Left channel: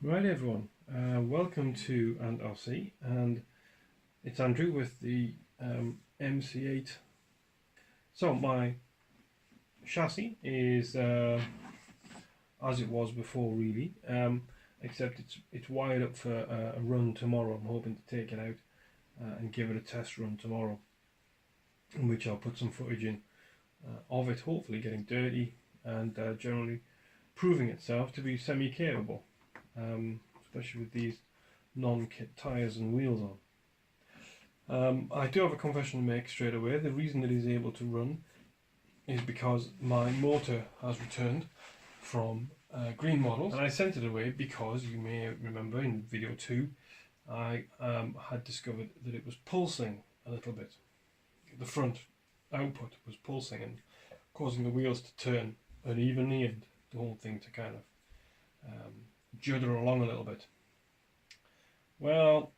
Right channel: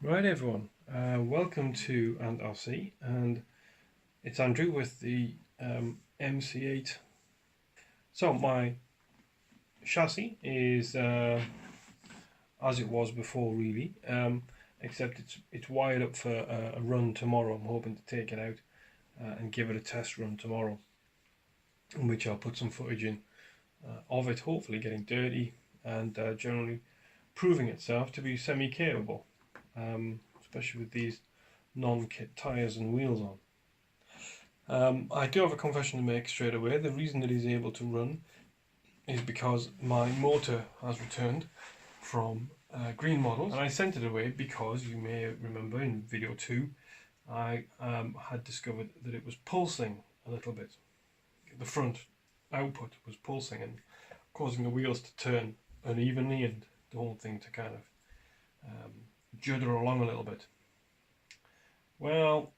Right everyone, welcome to and and it's Andrew with the MC8. So my chassis is as it was before really, except it's wired up for a run tomorrow. I'm hoping to take it out and give it a test run tomorrow, in which I'll put some footage in of it, hopefully getting dirty and generally proving itself to be semi-capable. Especially with these non-kit tyres and wheels on. I do have a confession to make straight away. The reason that he's able to run is because my motor has returned from green models, and I sent it away because you may remember in video 2 I had discovered that it was pulsing a little bit. The front output was pulsing and causing the wheels to turn unevenly and the whole thing to kind of judder along a little bit. Well,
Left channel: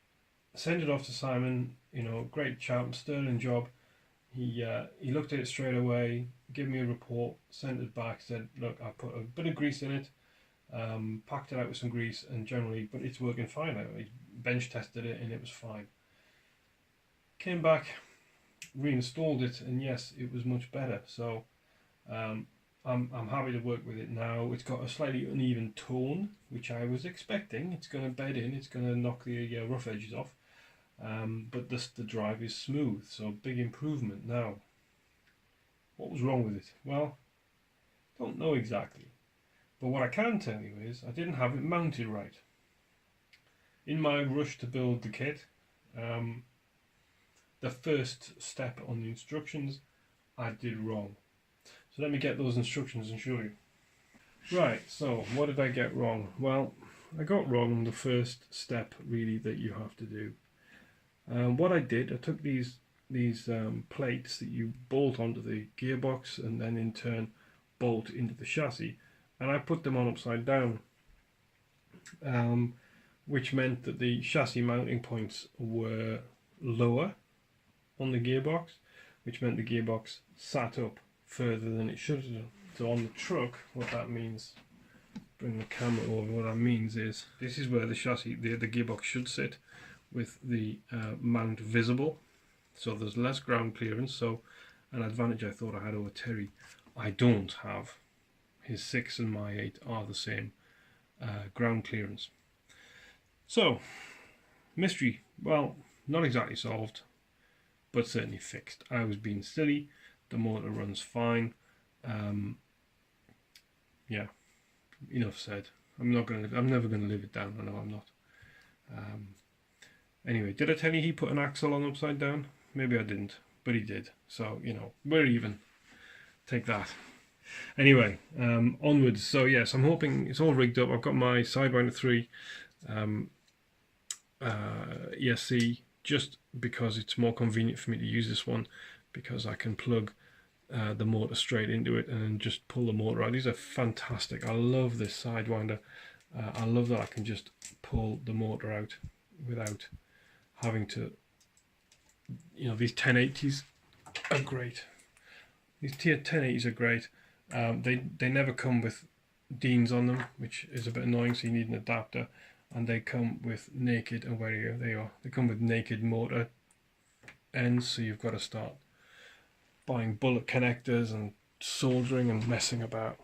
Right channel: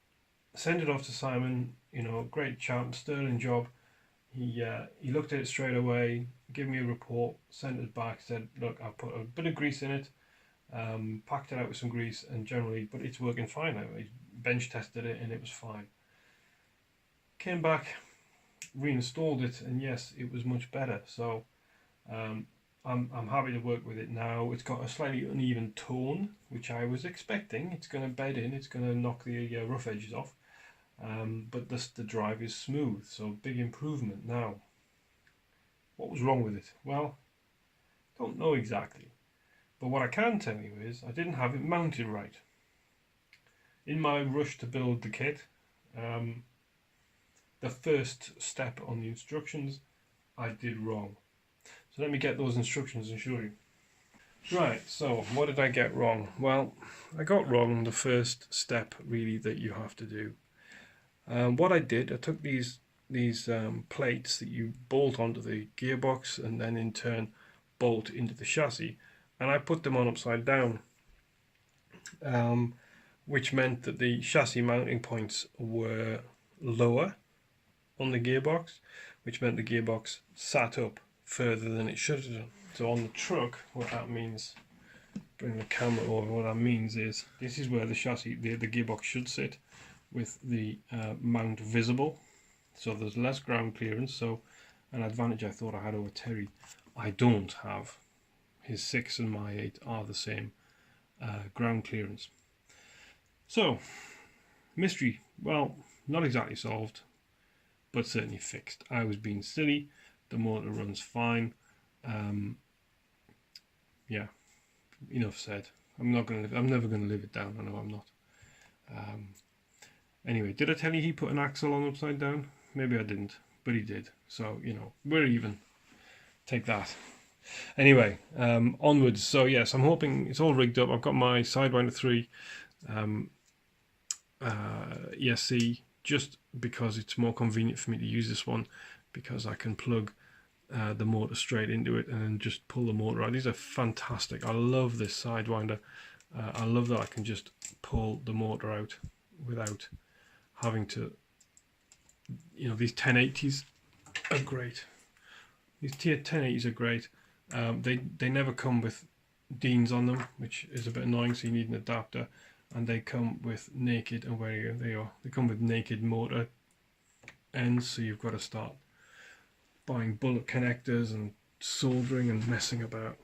send it off to Simon, you know, great chap, sterling job. He looked at it straight away, gave me a report, sent it back, said, look, I put a bit of grease in it, packed it out with some grease, and generally, but it's working fine now. He bench tested it and it was fine. Came back, reinstalled it, and yes, it was much better. So I'm happy to work with it now. It's got a slightly uneven tone, which I was expecting. It's going to bed in, it's going to knock the rough edges off, but the drive is smooth, so big improvement. Now, what was wrong with it? Well, don't know exactly, but what I can tell you is I didn't have it mounted right. In my rush to build the kit, the first step on the instructions I did wrong. So let me get those instructions and show you. Right, so what did I get wrong? Well, I got wrong the first step really that you have to do. What I did, I took these plates that you bolt onto the gearbox and then in turn bolt into the chassis, and I put them on upside down, which meant that the chassis mounting points were lower on the gearbox, which meant the gearbox sat up further than it should have done. So on the truck, what that means, bring the camera over, what that means is this is where the chassis, the gearbox should sit, with the mount visible, so there's less ground clearance. So an advantage I thought I had over Terry, I don't have. His 6 and my 8 are the same ground clearance. So mystery, well, not exactly solved, but certainly fixed. I was being silly. The motor runs fine. Yeah, enough said. I'm never gonna live it down. I know I'm not. Anyway, did I tell you he put an axle on upside down? Maybe I didn't, but he did. So you know, we're even. Take that. Anyway, onwards. So yes, I'm hoping it's all rigged up. I've got my Sidewinder 3 ESC just because it's more convenient for me to use this one, because I can plug the motor straight into it and then just pull the motor out. These are fantastic. I love this Sidewinder. I love that I can just pull the motor out without having to, you know, these 1080s are great. These 1080s are great. They never come with Deans on them, which is a bit annoying, so you need an adapter, and they come with naked, and where are they are, they come with naked motor ends, so you've got to start buying bullet connectors and soldering and messing about.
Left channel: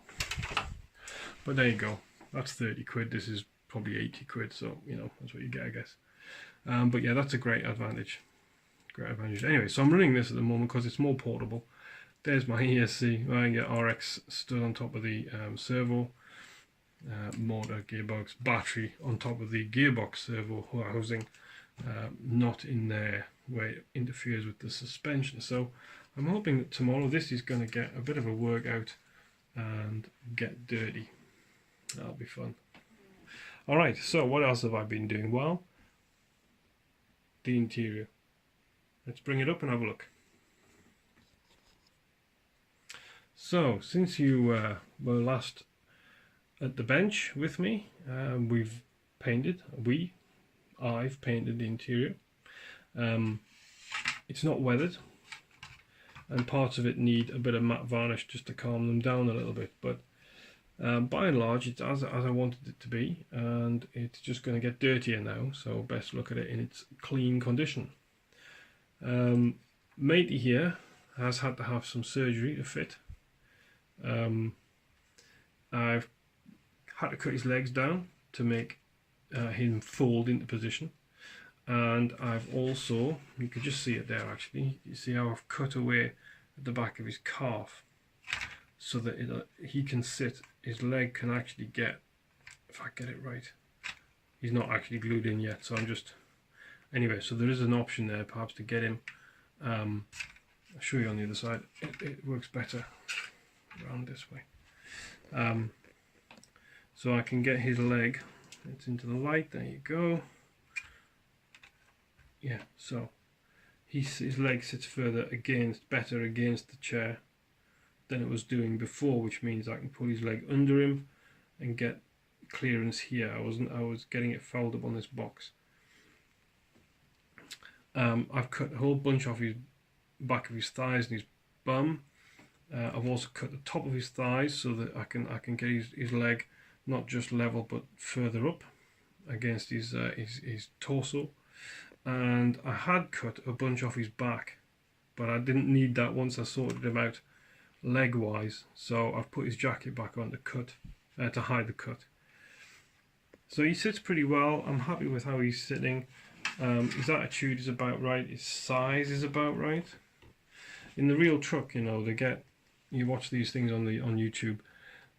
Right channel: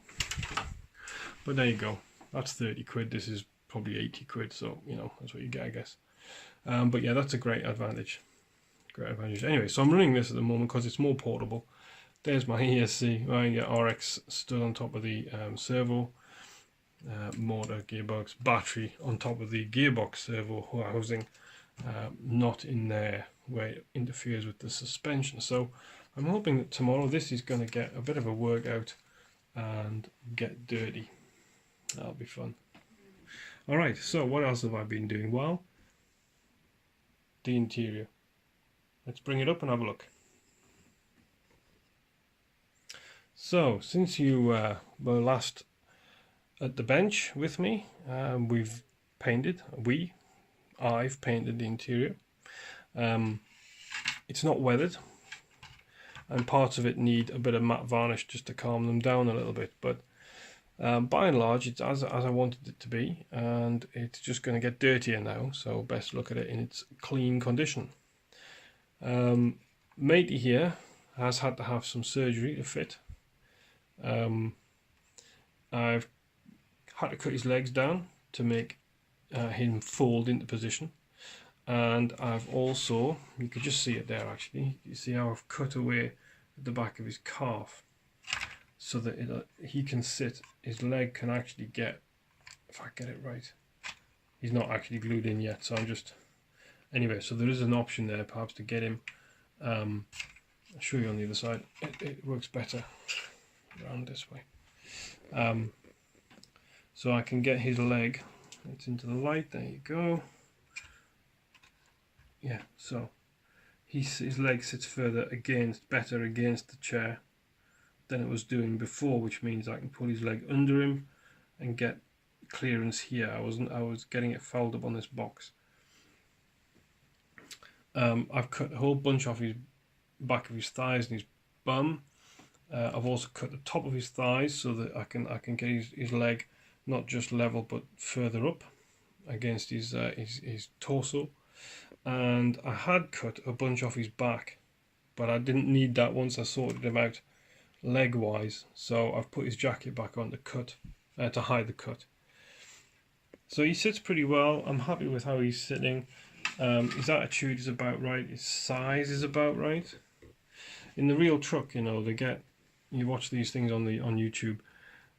But there you go, that's 30 quid, this is probably 80 quid, so you know, that's what you get, I guess. But yeah, that's a great advantage. Anyway, so I'm running this at the moment because it's more portable. There's my ESC, I get RX stood on top of the servo, motor, gearbox, battery on top of the gearbox servo housing, not in there where it interferes with the suspension. So I'm hoping that tomorrow this is going to get a bit of a workout and get dirty. That'll be fun. Alright, so what else have I been doing? Well, the interior. Let's bring it up and have a look. So, since you were last at the bench with me, I've painted the interior. It's not weathered, and parts of it need a bit of matte varnish just to calm them down a little bit, but By and large, it's as I wanted it to be, and it's just going to get dirtier now, so best look at it in its clean condition. Matey here has had to have some surgery to fit. I've had to cut his legs down to make him fold into position, and I've also, you can just see it there actually, you see how I've cut away at the back of his calf so that he can sit, his leg can actually get, if I get it right, he's not actually glued in yet, so I'm just, anyway, so there is an option there perhaps to get him, I'll show you on the other side, it works better around this way. So I can get his leg, it's into the light, there you go. Yeah, so his leg sits better against the chair than it was doing before, which means I can pull his leg under him and get clearance here. I was getting it fouled up on this box. I've cut a whole bunch off his back of his thighs and his bum. I've also cut the top of his thighs so that I can get his leg not just level but further up against his torso. And I had cut a bunch off his back, but I didn't need that once I sorted him out leg wise, so I've put his jacket back on to hide the cut. So he sits pretty well. I'm happy with how he's sitting. His attitude is about right, his size is about right. In the real truck, you know, you watch these things on YouTube,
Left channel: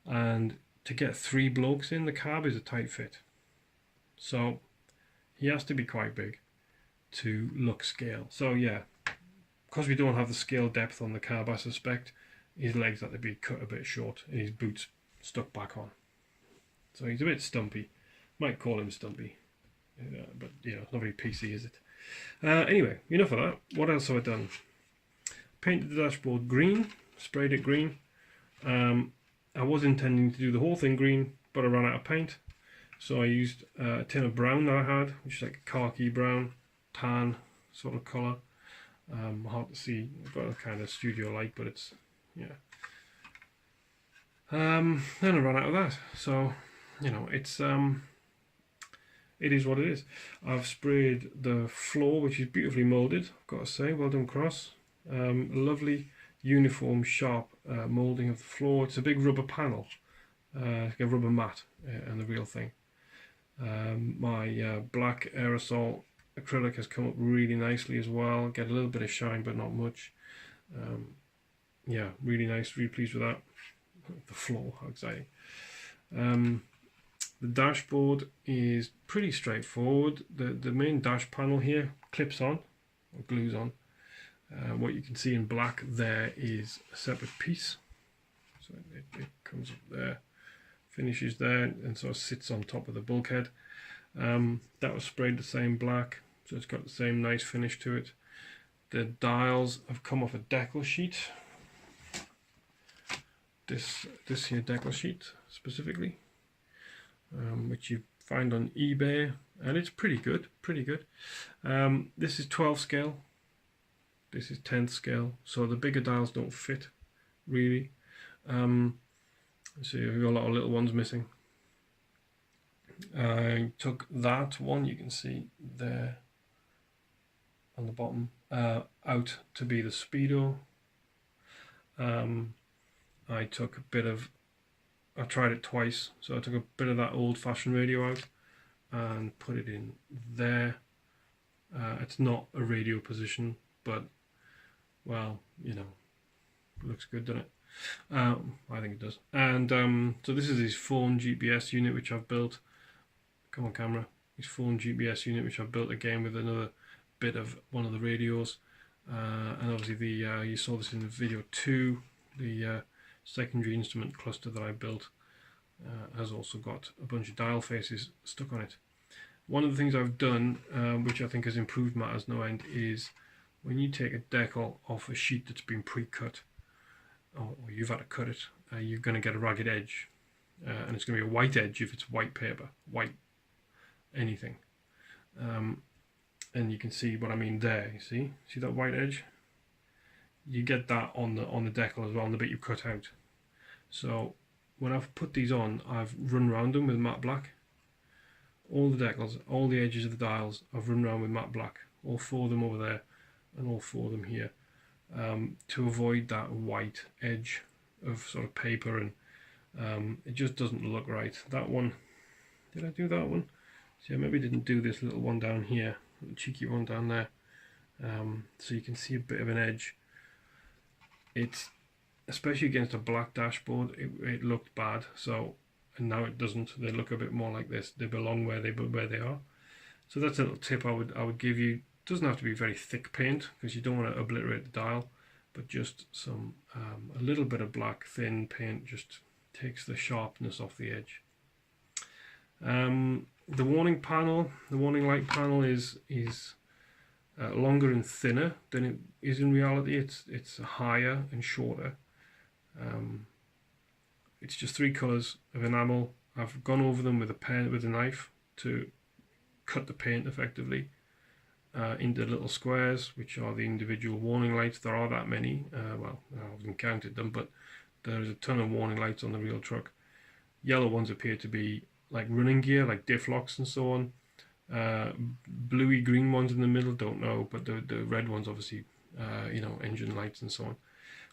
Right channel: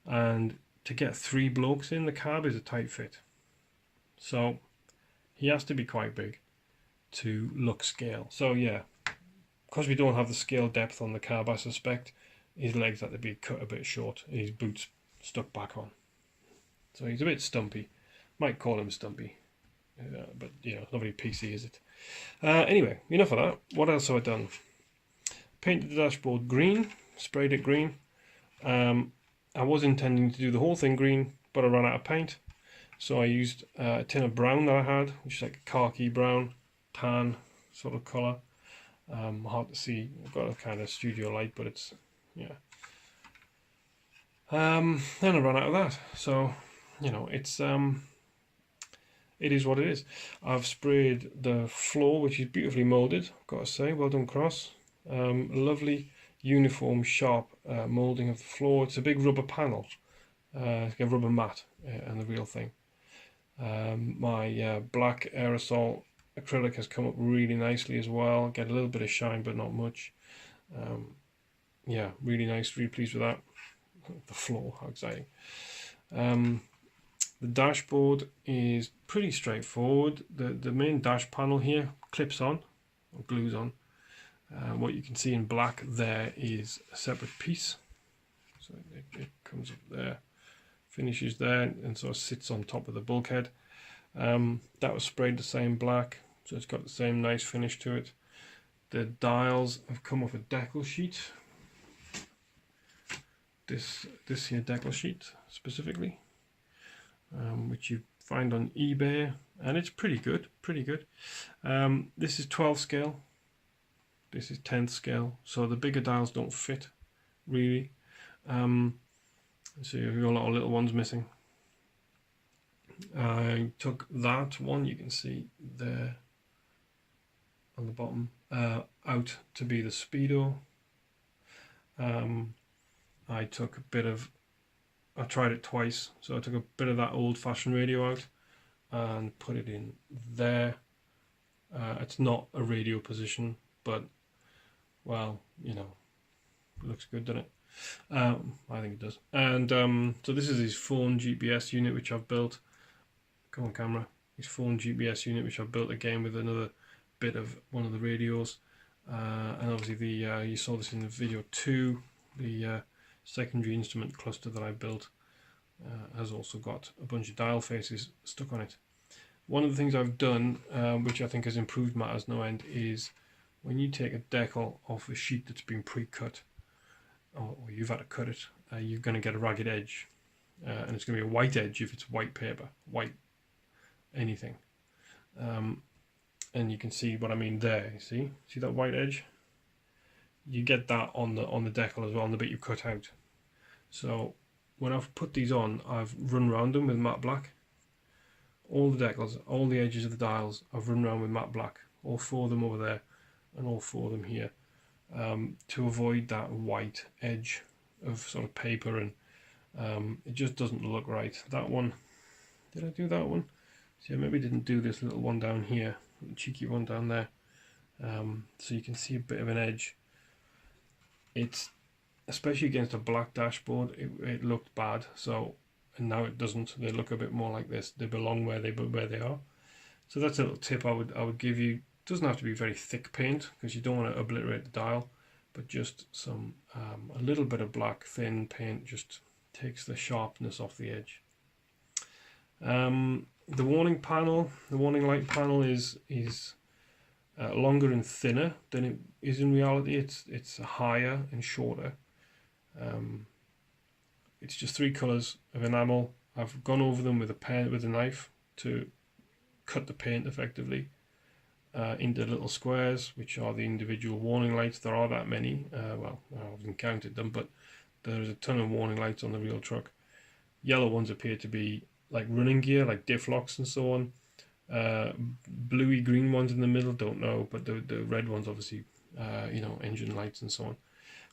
and to get 3 blokes in the cab is a tight fit. So he has to be quite big to look scale. So yeah, because we don't have the scale depth on the cab, I suspect his legs have to be cut a bit short and his boots stuck back on. So he's a bit stumpy. Might call him stumpy, but you know, not very PC, is it? Anyway, enough of that. What else have I done? Painted the dashboard green, sprayed it green. I was intending to do the whole thing green, but I ran out of paint. So I used a tin of brown that I had, which is like a khaki brown, tan sort of colour. Hard to see. I've got a kind of studio light, but it's, yeah. And I ran out of that. So, you know, it is what it is. I've sprayed the floor, which is beautifully moulded, I've got to say. Well done, Cross. Lovely, uniform, sharp moulding of the floor. It's a big rubber panel, like a rubber mat, and the real thing. My black aerosol acrylic has come up really nicely as well. Get a little bit of shine, but not much. Yeah, really nice. Really pleased with that. The floor, how exciting. The dashboard is pretty straightforward. The main dash panel here clips on, or glues on. What you can see in black there is a separate piece. So it comes up there, finishes there, and sort of sits on top of the bulkhead. That was sprayed the same black, so it's got the same nice finish to it. The dials have come off a decal sheet. This here decal sheet specifically, which you find on eBay, and it's pretty good, this is 12 scale, this is 10th scale, so the bigger dials don't fit really. So you've got a lot of little ones missing. I took that one, you can see there on the bottom, out to be the Speedo. I took a bit of, I tried it twice, so I took a bit of that old-fashioned radio out and put it in there. It's not a radio position, but, well, you know, it looks good, doesn't it? I think it does. And so this is his phone GPS unit, which I've built. Come on, camera. His phone GPS unit, which I've built again with another bit of one of the radios. And obviously you saw this in the video 2, the secondary instrument cluster that I built has also got a bunch of dial faces stuck on it. One of the things I've done, which I think has improved matters no end, is when you take a decal off a sheet that's been pre-cut, or you've had to cut it, you're going to get a ragged edge, and it's going to be a white edge if it's white paper, white anything. And you can see what I mean there. You see that white edge? You get that on the decal as well, on the bit you cut out. So when I've put these on, I've run around them with matte black. All the decals, all the edges of the dials, I've run around with matte black. All 4 of them over there, and all 4 of them here, to avoid that white edge of sort of paper, and it just doesn't look right. That one, did I do that one? See, I maybe didn't do this little one down here, the cheeky one down there. So you can see a bit of an edge. It's, especially against a black dashboard, it looked bad. So, and now it doesn't. They look a bit more like this. They belong where they are. So that's a little tip I would give you. It doesn't have to be very thick paint, because you don't want to obliterate the dial, but just some a little bit of black thin paint just takes the sharpness off the edge. The warning panel, the warning light panel is longer and thinner than it is in reality. It's higher and shorter. It's just 3 colours of enamel. I've gone over them with a knife to cut the paint effectively into little squares, which are the individual warning lights. There are that many. Well, I haven't counted them, but there's a ton of warning lights on the real truck. Yellow ones appear to be like running gear, like diff locks and so on. Bluey green ones in the middle, don't know, but the red ones obviously, you know, engine lights and so on.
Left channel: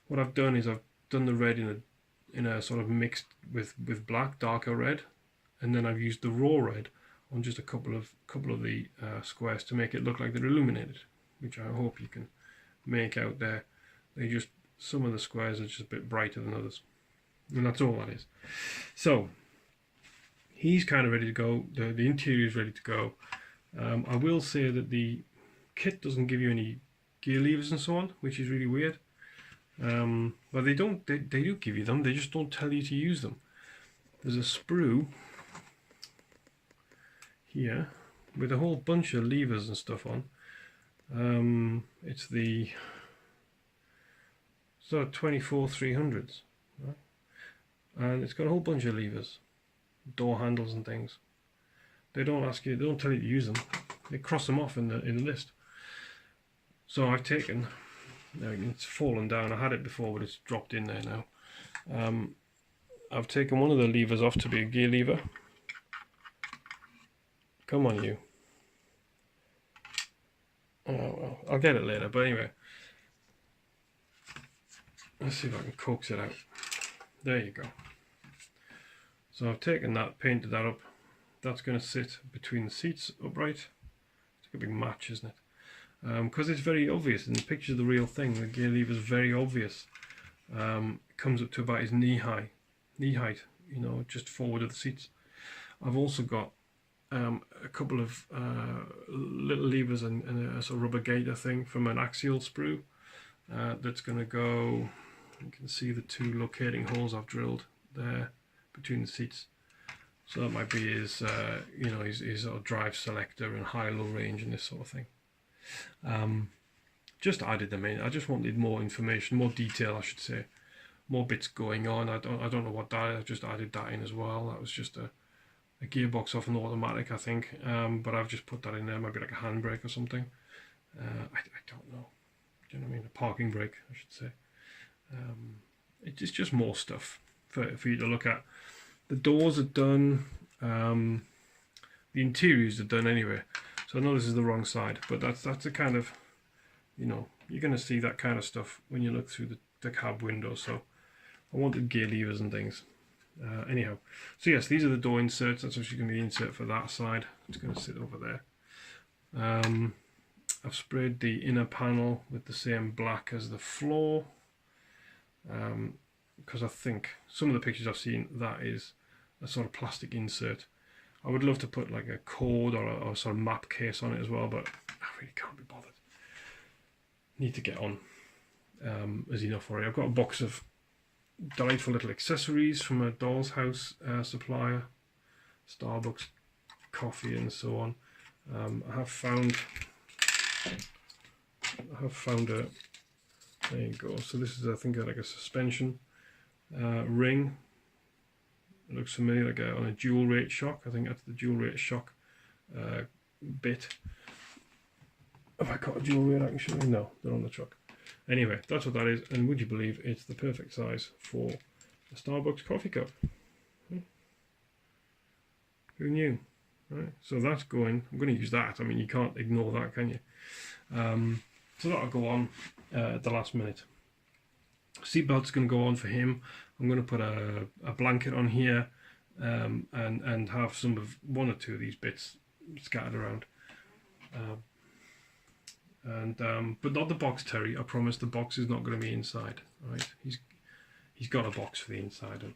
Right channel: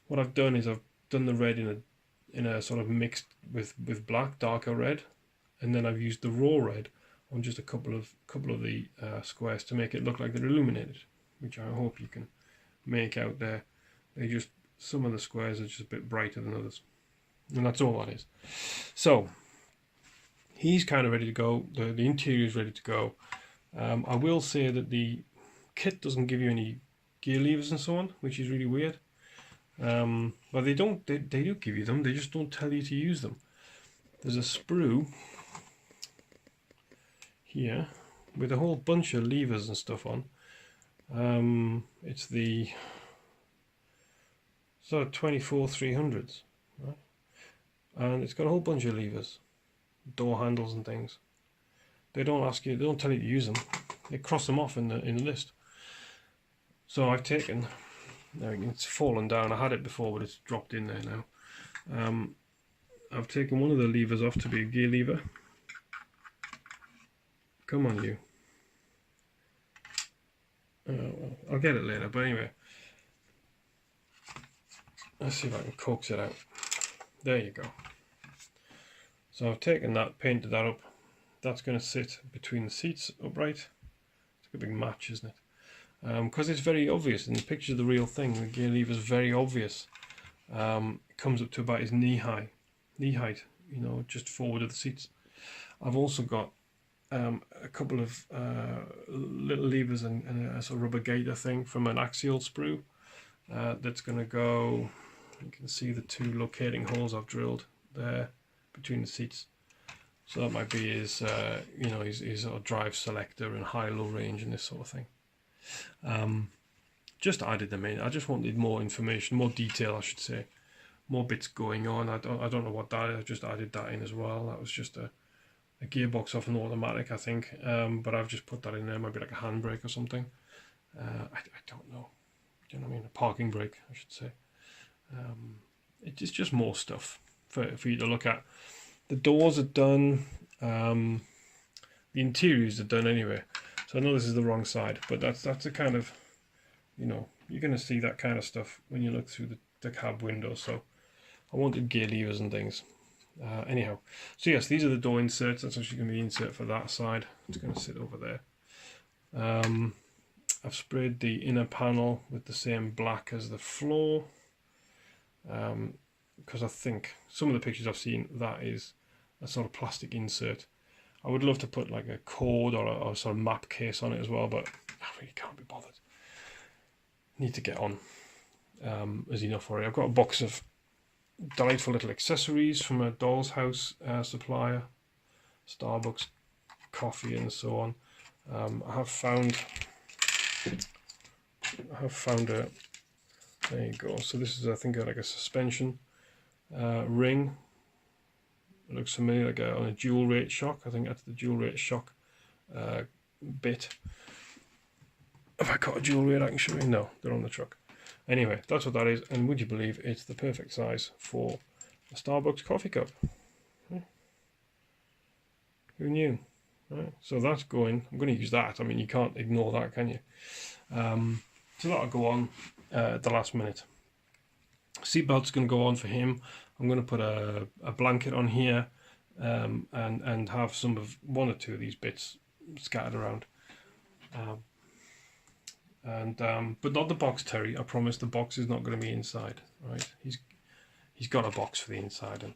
What I've done is I've done the red in a sort of mixed with black, darker red, and then I've used the raw red on just a couple of the squares to make it look like they're illuminated, which I hope you can make out there. They just, some of the squares are just a bit brighter than others, and that's all that is. So he's kind of ready to go. The interior is ready to go. I will say that the kit doesn't give you any gear levers and so on, which is really weird. But they do give you them, they just don't tell you to use them. There's a sprue here with a whole bunch of levers and stuff on. It's the sort of 24-300s, right? And it's got a whole bunch of levers, door handles and things. They don't ask you, they don't tell you to use them. They cross them off in the list. So I've taken, it's fallen down. I had it before, but it's dropped in there now. I've taken one of the levers off to be a gear lever. Come on, you. Oh, well, I'll get it later, but anyway. Let's see if I can coax it out. There you go. So I've taken that, painted that up. That's going to sit between the seats upright. It's like a big match, isn't it? Because it's very obvious in the picture of the real thing. The gear lever is very obvious. It comes up to about his knee height, you know, just forward of the seats. I've also got a couple of little levers and a sort of rubber gaiter thing from an axial sprue that's going to go. You can see the 2 locating holes I've drilled there between the seats. So that might be his, you know, his sort of drive selector and high-low range and this sort of thing. Just added them in. I just wanted more information, more detail, I should say, more bits going on. I don't know what that is. I just added that in as well. That was just a gearbox off an automatic, I think. But I've just put that in there. Maybe like a handbrake or something. I don't know. Do you know what I mean? A parking brake, I should say. It's just more stuff for you to look at. The doors are done. The interiors are done anyway. So I know this is the wrong side, but that's a kind of, you know, you're going to see that kind of stuff when you look through the cab window. So I wanted gear levers and things. Anyhow, so yes, these are the door inserts. That's actually going to be the insert for that side. It's going to sit over there. I've sprayed the inner panel with the same black as the floor, because I think some of the pictures I've seen, that is a sort of plastic insert. I would love to put like a cord or a sort of map case on it as well, but I really can't be bothered. Need to get on. There's enough already. I've got a box of delightful little accessories from a doll's house supplier, Starbucks coffee and so on. I have found a, there you go. So this is, I think, like a suspension ring. It looks familiar, like on a dual rate shock. I think that's the dual rate shock bit. Have I got a dual rate I can show you? No, they're on the truck. Anyway, that's what that is, and would you believe it's the perfect size for a Starbucks coffee cup. Who knew? Right, so that's going. I'm going to use that. I mean, you can't ignore that, can you? So that'll go on at the last minute. Seatbelt's going to go on for him. I'm going to put a blanket on here and have some of one or two of these bits scattered around. But not the box, Terry. I promise the box is not going to be inside. Right? He's got a box for the inside, and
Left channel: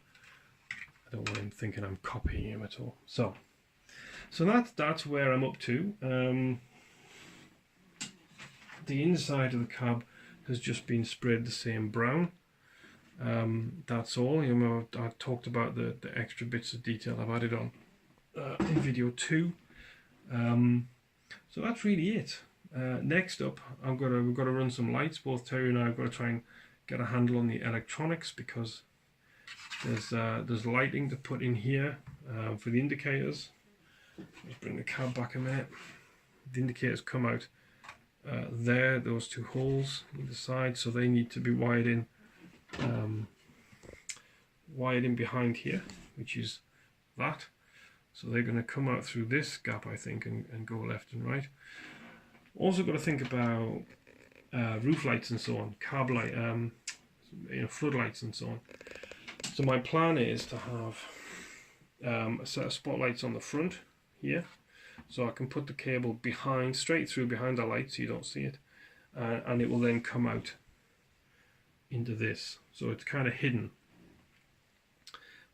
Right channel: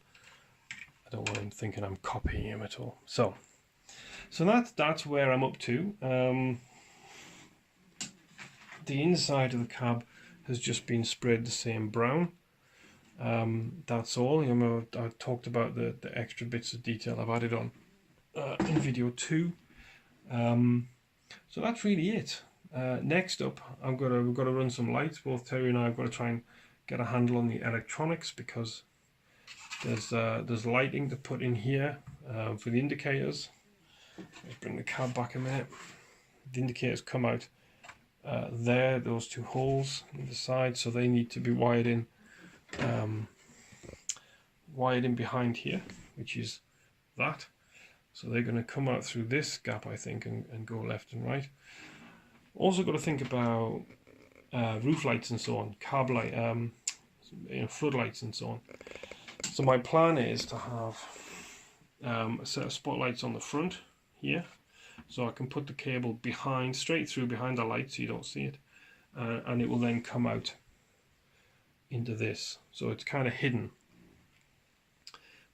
I don't want him thinking I'm copying him at all. So that's where I'm up to. The inside of the cab has just been sprayed the same brown. That's all. You know, I talked about the extra bits of detail I've added on in video 2. So that's really it. Next up, we've got to run some lights. Both Terry and I have got to try and get a handle on the electronics, because there's lighting to put in here for the indicators. Let's bring the cab back a minute. The indicators come out there, those two holes in the side, so they need to be wired in behind here, which is that. So they're going to come out through this gap, I think, and go left and right. Also got to think about roof lights and so on, carb light, floodlights and so on. So my plan is to have a set of spotlights on the front here, so I can put the cable behind, straight through behind the light, so you don't see it, and it will then come out into this, so it's kind of hidden.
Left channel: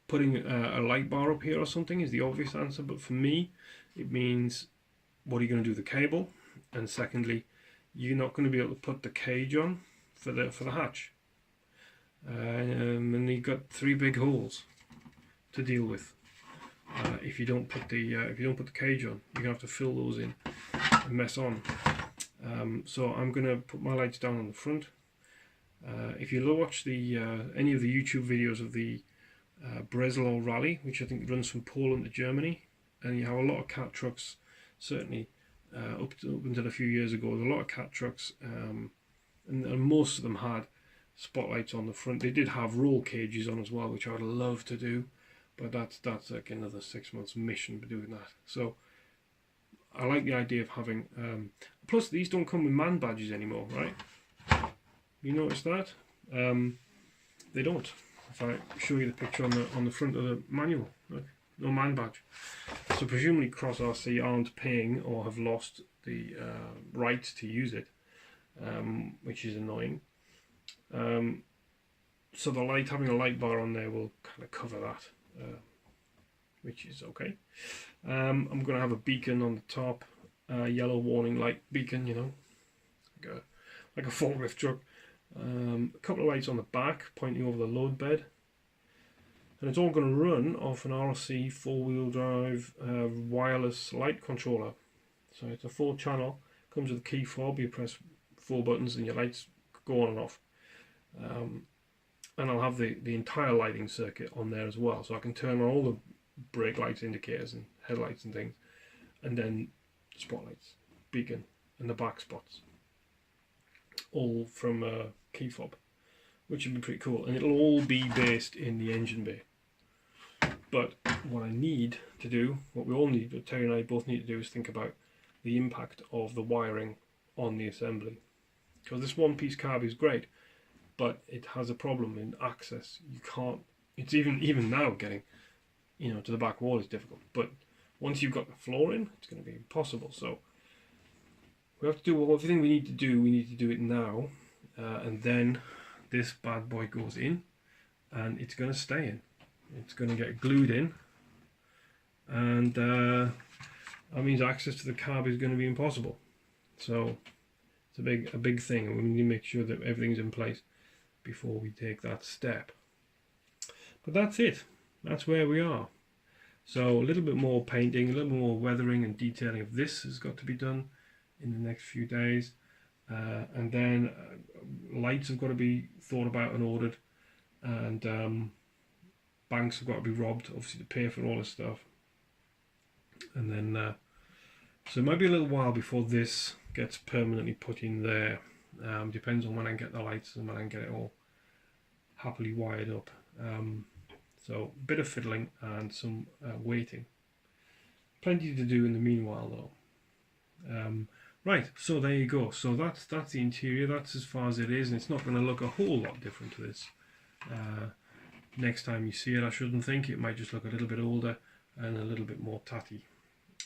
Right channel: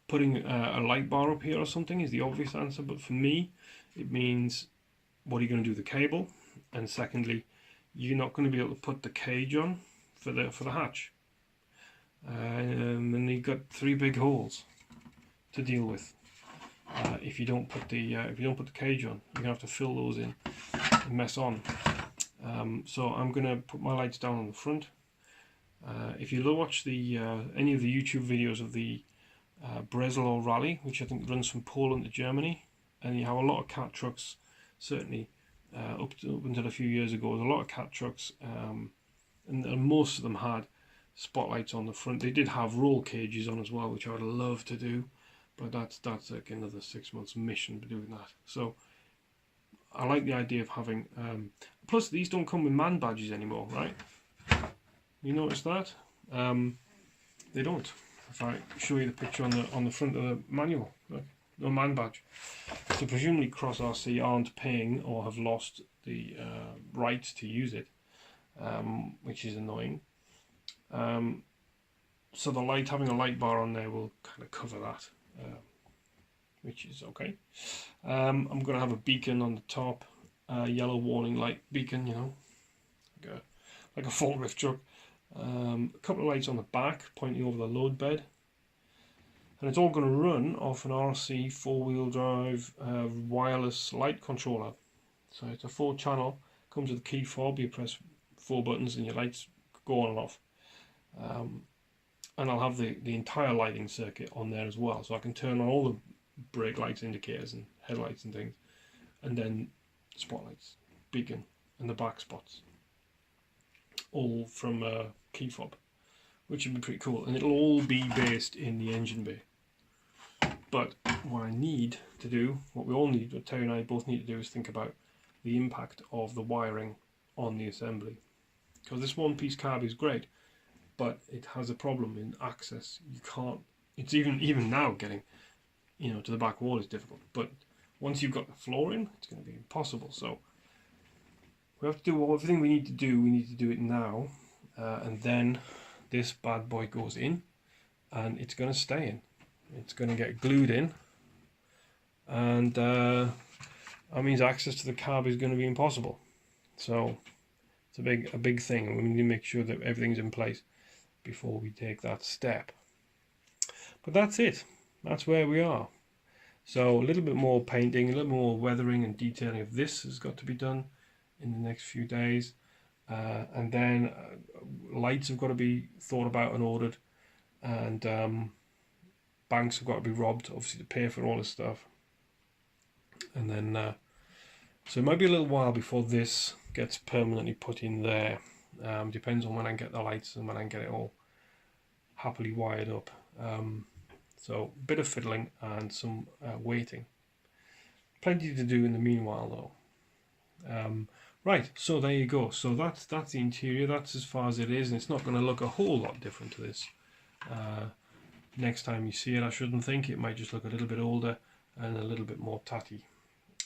Putting a light bar up here or something is the obvious answer, but for me it means, what are you going to do with the cable? And secondly, you're not going to be able to put the cage on for the hatch, and you've got 3 big holes to deal with. If you don't put the cage on, you're gonna have to fill those in and mess on. So I'm gonna put my lights down on the front. If you watch any of the YouTube videos of the Breslau rally, which I think runs from Poland to Germany, and you have a lot of cat trucks, certainly up until a few years ago, there's a lot of cat trucks, and most of them had spotlights on the front. They did have roll cages on as well, which I would love to do, but that's like another 6 months mission for doing that. So I like the idea of having plus these don't come with MAN badges anymore, right? You notice that? They don't. If I show you the picture on the front of the manual, look, no MAN badge. So presumably Cross RC aren't paying or have lost the rights to use it, which is annoying. So having a light bar on there will kind of cover that, which is okay. I'm going to have a beacon on the top, yellow warning light beacon, you know, like a forklift truck. A couple of lights on the back pointing over the load bed, and it's all going to run off an RC 4-wheel drive wireless light controller. So it's a 4-channel, comes with a key fob. You press 4 buttons and your lights go on and off. And I'll have the entire lighting circuit on there as well, so I can turn on all the brake lights, indicators and headlights and things, and then spotlights, beacon and the back spots, all from a key fob, which would be pretty cool, and it'll all be based in the engine bay. But what I need to do, what we all need, what Terry and I both need to do, is think about the impact of the wiring on the assembly, because this one-piece cab is great, but it has a problem in access. You can't, it's even now getting, you know, to the back wall is difficult, but once you've got the floor in, it's going to be impossible. So we have to do everything we need to do it now, and then this bad boy goes in, and it's going to stay in. It's going to get glued in, and that means access to the cab is going to be impossible. So it's a big thing, and we need to make sure that everything's in place before we take that step. But that's it. That's where we are. So a little bit more painting, a little more weathering and detailing of this has got to be done in the next few days, and then lights have got to be thought about and ordered, and banks have got to be robbed, obviously, to pay for all this stuff. And then so it might be a little while before this gets permanently put in there. Depends on when I get the lights and when I get it all happily wired up. So a bit of fiddling and some waiting. Plenty to do in the meanwhile though. Right, so there you go. So that's the interior. That's as far as it is, and it's not going to look a whole lot different to this. Next time you see it, I shouldn't think. It might just look a little bit older and a little bit more tatty.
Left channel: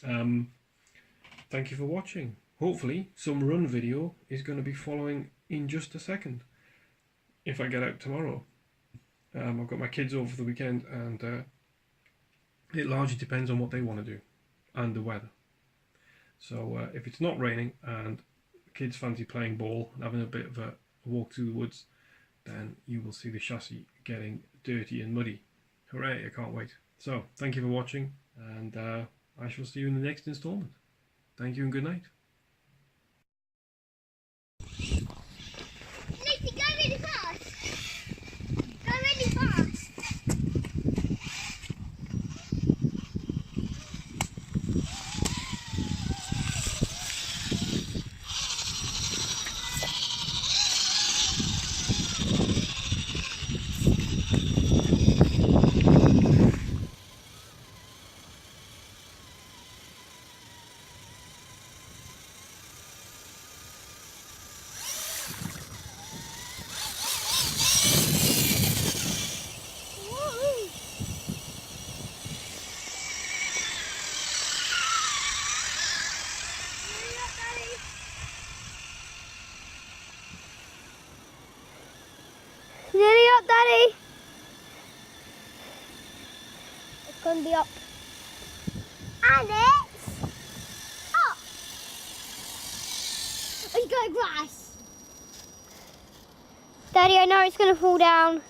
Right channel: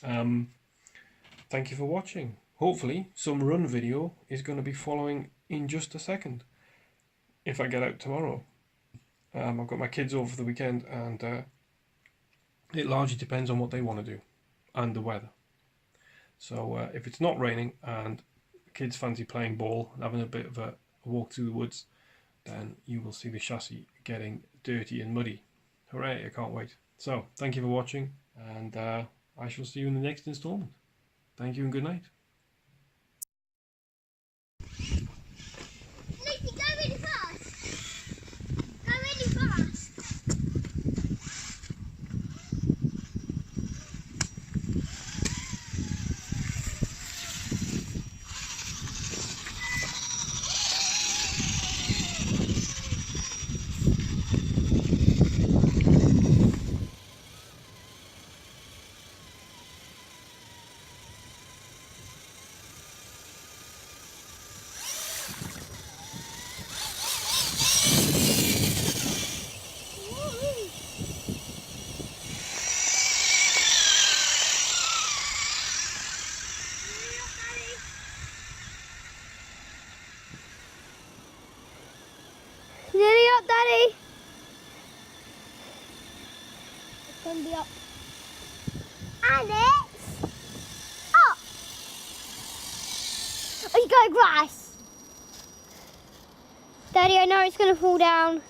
Thank you for watching. Hopefully some run video is going to be following in just a second if I get out tomorrow. I've got my kids over for the weekend, and it largely depends on what they want to do and the weather. So if it's not raining and kids fancy playing ball and having a bit of a walk through the woods, then you will see the chassis getting dirty and muddy. Hooray, I can't wait. So thank you for watching, and I shall see you in the next installment. Thank you and good night. Lucy, go really fast. Go really fast. Nearly up, Daddy. It's going to be up. And it's up. Oh, you got grass. Daddy, I know it's going to fall down.